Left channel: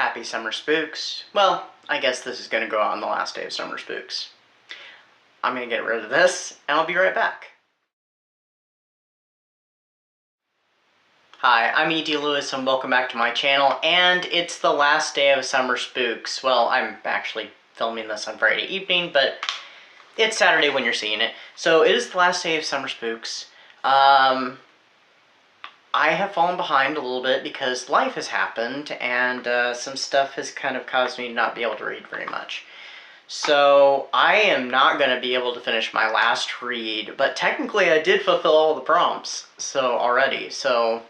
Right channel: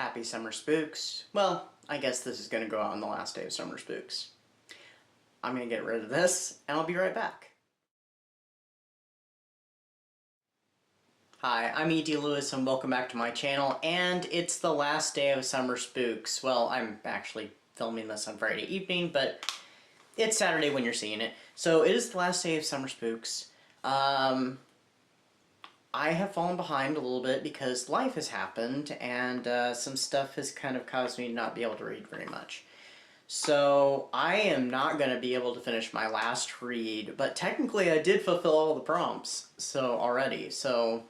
Happy Summer Spooks. Well, I guess this is going to go out on the last day of Summer Spooks. I'm going to get rid of this, and I'll be right back. Hi, I'm E.D. Lewis, and welcome back to my channel, and it's the last day of Summer Spooks. Well, I'm actually filming this on Friday evening, but it's Saturday when you're seeing it. So it is the last day of Summer Spooks. I have fallen behind a little bit because life has happened, and some stuff has kind of caused me to not be able to read very much. So I am not going to be able to finish my last read, but technically I did fulfill all the prompts already. Oh,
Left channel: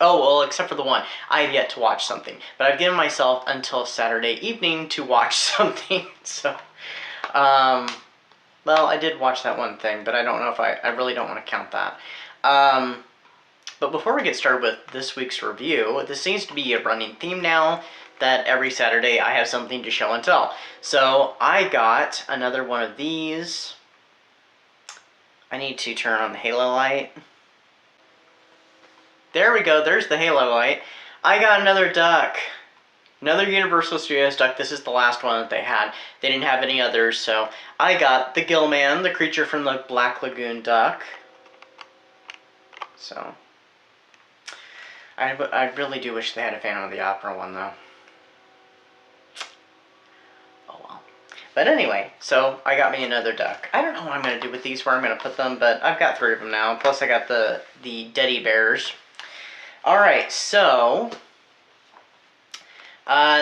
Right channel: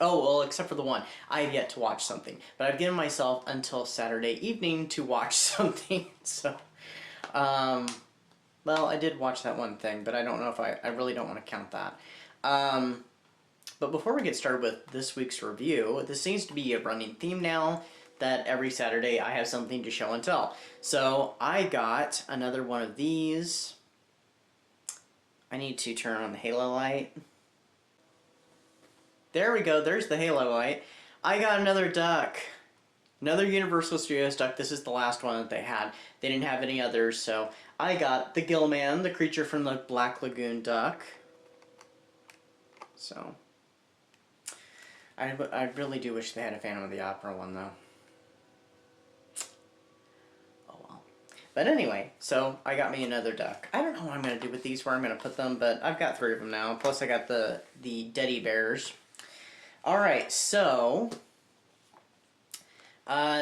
well, except for the one. I have yet to watch something, but I've given myself until Saturday evening to watch something. Well, I did watch that one thing, but I don't know if I really don't want to count that. But before we get started with this week's review, this seems to be a running theme now, that every Saturday I have something to show and tell. So I got another one of these. I need to turn on the halo light. There we go, there's the halo light. I got another duck. Another Universal Studios duck. This is the last one that they had. They didn't have any others, so I got the Gillman, the creature from the Black Lagoon duck. So I really do wish they had a Phantom of the Opera one, though. Oh well. But anyway, so I got me another duck. I don't know what I'm going to do with these, where I'm going to put them, but I've got 3 of them now. Plus I got the Teddy Bears. Alright, so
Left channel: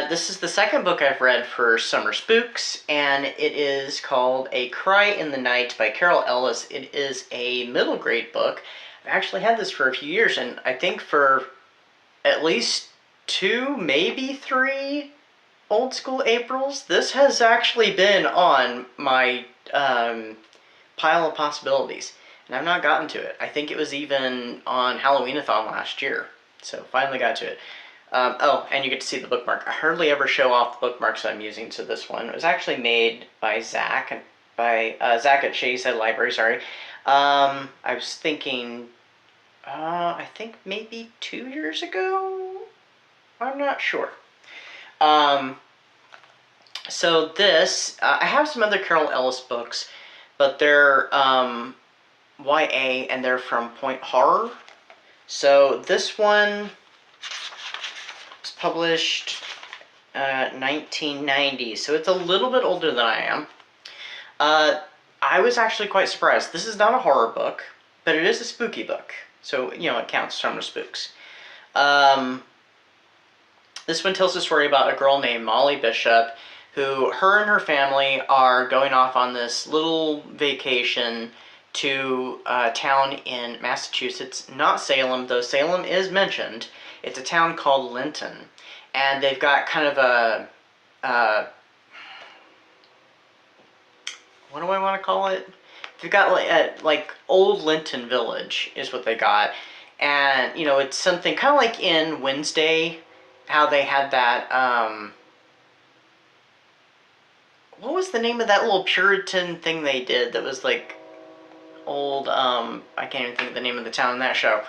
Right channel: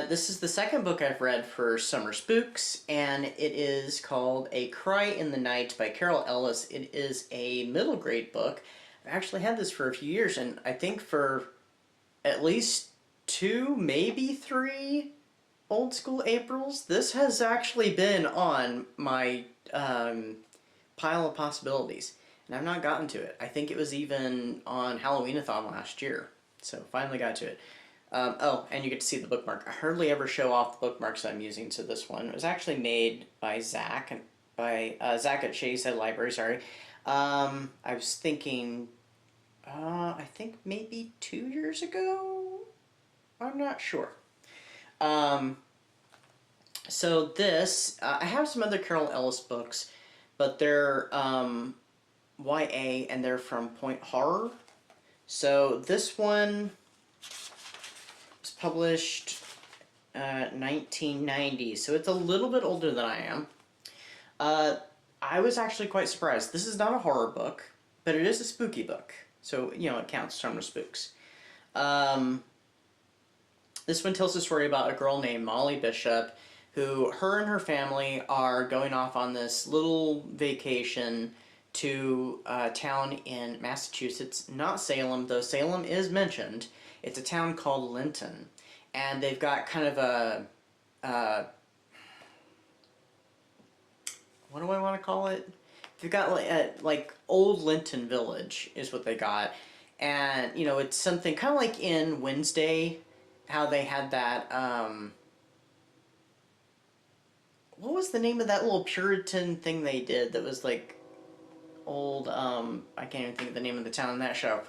this is the second book I've read for Summer Spooks, and it is called A Cry in the Night by Carol Ellis. It is a middle grade book. I've actually had this for a few years, and I think for at least 2, maybe 3 Old School Aprils, this has actually been on my pile of possibilities, and I've not gotten to it. I think it was even on Halloween-a-thon last year, so finally got to it. Oh, and you get to see the bookmark. I hardly ever show off the bookmarks I'm using to this one. It was actually made by Zach, Zach at Shady Side Library, sorry. I was thinking, I think maybe 2 years ago? I'm not sure. So this, I have some other Carol Ellis books, but they're YA, and they're from Point Horror. So this one was published 1990, so it's a little bit older than I am. I was actually quite surprised. This is not a horror book, but it is a spooky book. So, you know, it counts, Summer Spooks. This one tells a story about a girl named Molly Bishop, who, her and her family are going off on this little vacation to a town in Massachusetts, not Salem, though Salem is mentioned. It's a town called Linton, and they've got kind of a, what do I want to call it? They've got like Old Linton Village is what they got, and you know, it's something kind of like in Wednesday, how they had that, what was the name of that little Puritan thing they did that was like old, I can't even think of the name of the town in that show.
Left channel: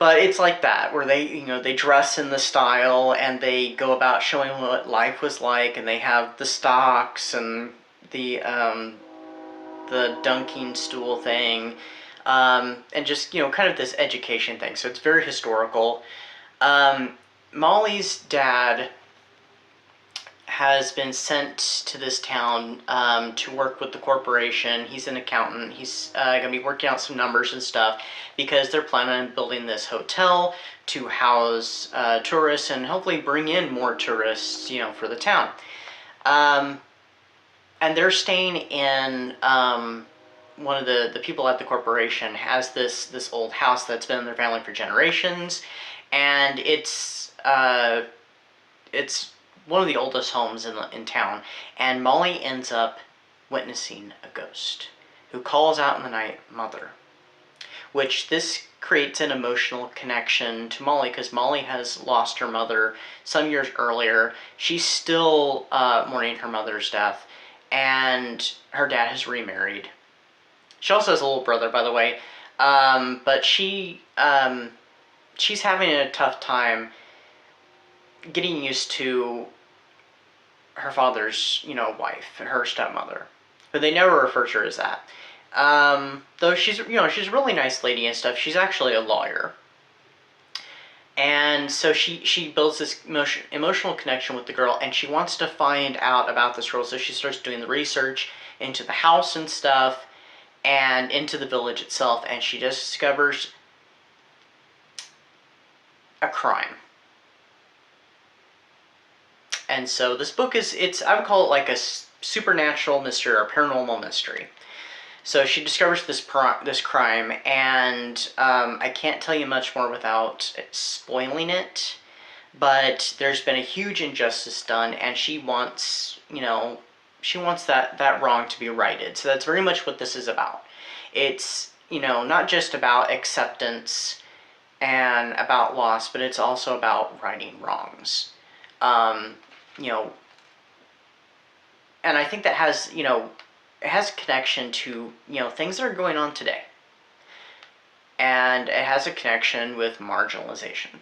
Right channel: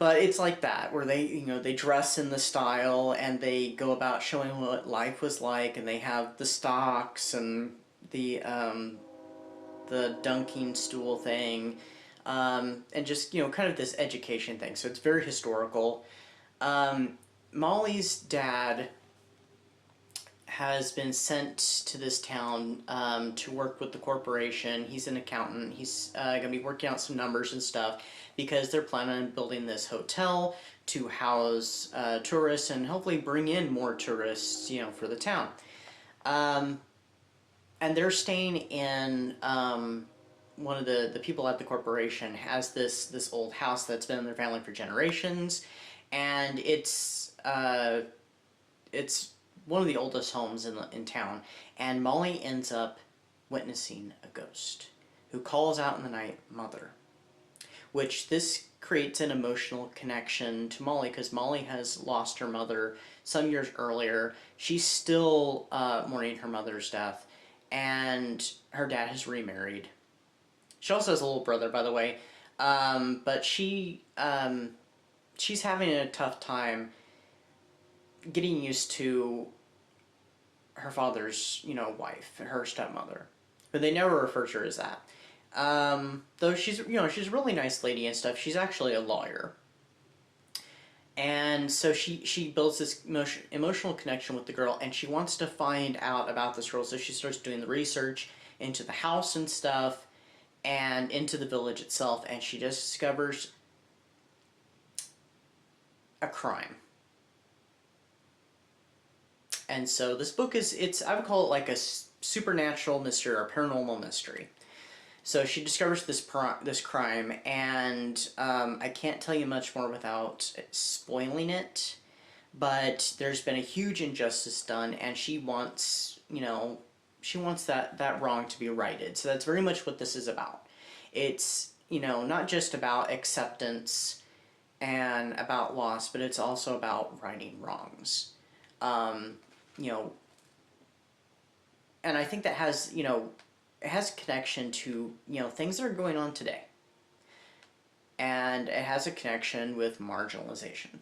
But it's like that, where they, you know, they dress in the style and they go about showing what life was like, and they have the stocks and the dunking stool thing, and just, you know, kind of this education thing. So it's very historical. Molly's dad has been sent to this town to work with the corporation. He's an accountant. He's going to be working out some numbers and stuff because they're planning on building this hotel to house tourists and hopefully bring in more tourists, you know, for the town. And they're staying in, one of the people at the corporation has this old house that's been in their family for generations, and it's one of the oldest homes in town, and Molly ends up witnessing a ghost who calls out in the night, "Mother," which this creates an emotional connection to Molly, because Molly has lost her mother some years earlier. She's still mourning her mother's death, and her dad has remarried. She also has a little brother, by the way, but she's having a tough time getting used to her father's, wife, her stepmother. But they never refer to her as that. Though she's a really nice lady and stuff. She's actually a lawyer. And so she builds this emotional connection with the girl, and she wants to find out about this girl. So she starts doing the research into the house and stuff, and into the village itself, and she just discovers a crime. And so this book I would call it like a supernatural mystery or paranormal mystery. So she discovers this crime, and I can't tell you much more without spoiling it, but there's been a huge injustice done, and she wants that wrong to be righted. So that's very much what this is about. It's, not just about acceptance and about loss, but it's also about righting wrongs. And I think that has, it has a connection to, things that are going on today. And it has a connection with marginalization.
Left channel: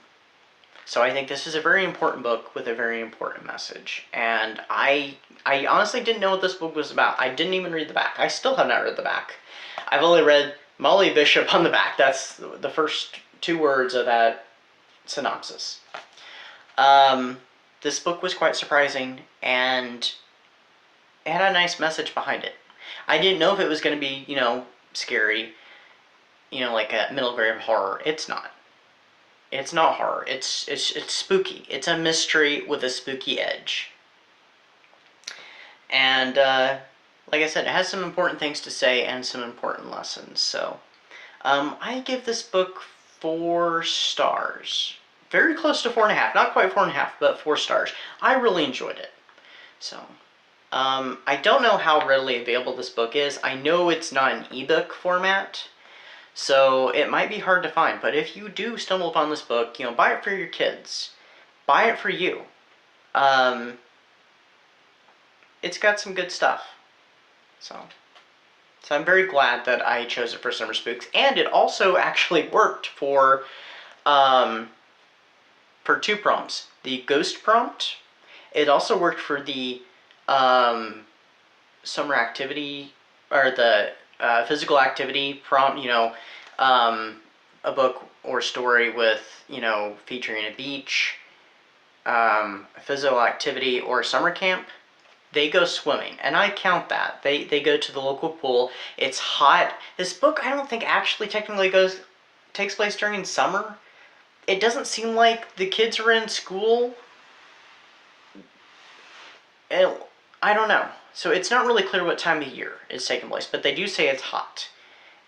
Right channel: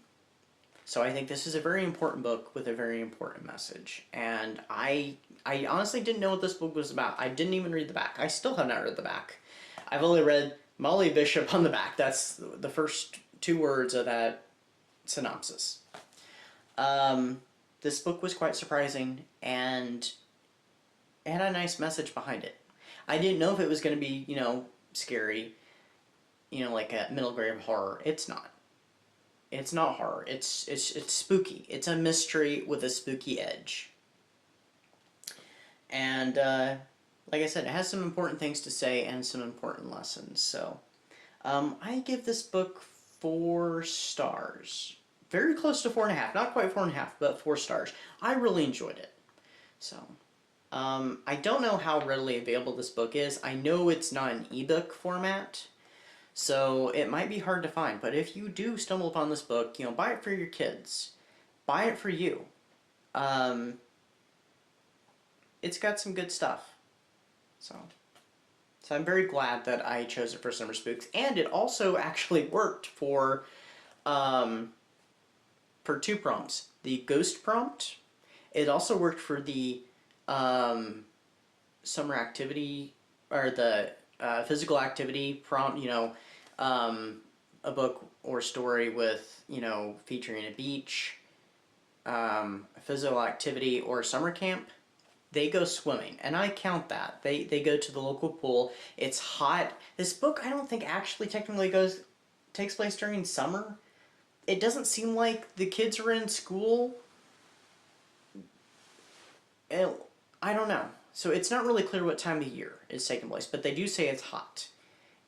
So I think this is a very important book with a very important message. And I honestly didn't know what this book was about. I didn't even read the back. I still have not read the back. I've only read Molly Bishop on the back. That's the first 2 words of that synopsis. This book was quite surprising, and it had a nice message behind it. I didn't know if it was going to be, scary, like a middle grade horror. It's not. It's not horror. It's spooky. It's a mystery with a spooky edge. And like I said, it has some important things to say and some important lessons. So I give this book 4 stars. Very close to 4.5. Not quite 4.5, but 4 stars. I really enjoyed it. So I don't know how readily available this book is. I know it's not an ebook format, so it might be hard to find. But if you do stumble upon this book, buy it for your kids. Buy it for you. It's got some good stuff. So I'm very glad that I chose it for Summer Spooks, and it also actually worked for 2 prompts. The ghost prompt. It also worked for the summer activity, or the physical activity prompt, a book or story with, featuring a beach, a physical activity, or summer camp. They go swimming, and I count that. They go to the local pool. It's hot. This book, I don't think actually technically takes place during summer. It doesn't seem like the kids are in school. And I don't know. So it's not really clear what time of year it's taking place, but they do say it's hot.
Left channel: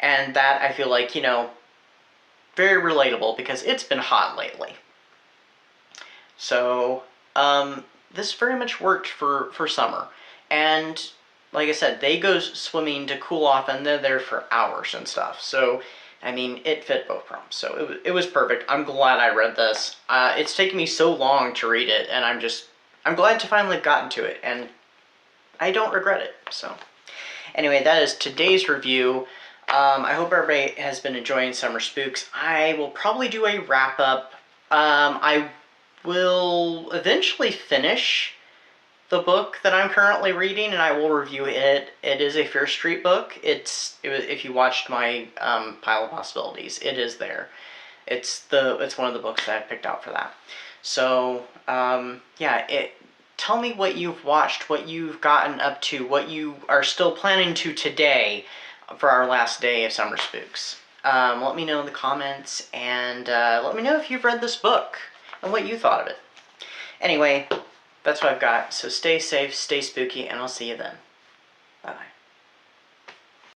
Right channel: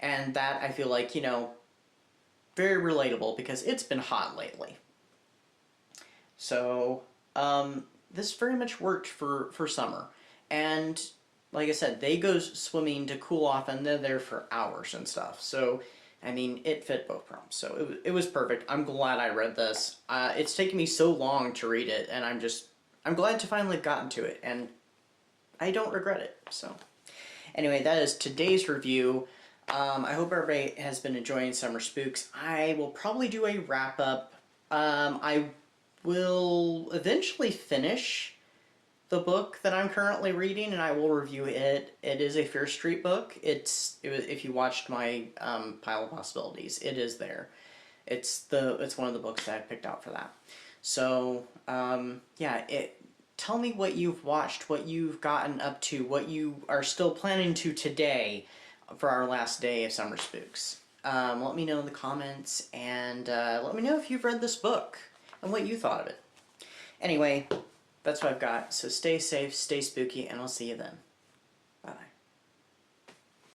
And that, I feel like, very relatable, because it's been hot lately. So, this very much worked for summer. And, like I said, they go swimming to cool off, and they're there for hours and stuff. So, I mean, it fit both prompts. So it was perfect. I'm glad I read this. It's taken me so long to read it, and I'm glad to finally have gotten to it, and I don't regret it. So anyway, that is today's review. I hope everybody has been enjoying Summer Spooks. I will probably do a wrap-up. I will eventually finish the book that I'm currently reading, and I will review it. It is a Fear Street book. If you watched my pile of possibilities, it is there. It's one of the books that I picked out for that. So yeah, tell me what you've watched, what you've gotten up to, what you are still planning to today for our last day of Summer Spooks. Let me know in the comments, and let me know if you've read this book and what you thought of it. Anyway, that's what I've got. So stay safe, stay spooky, and I'll see you then. Bye-bye.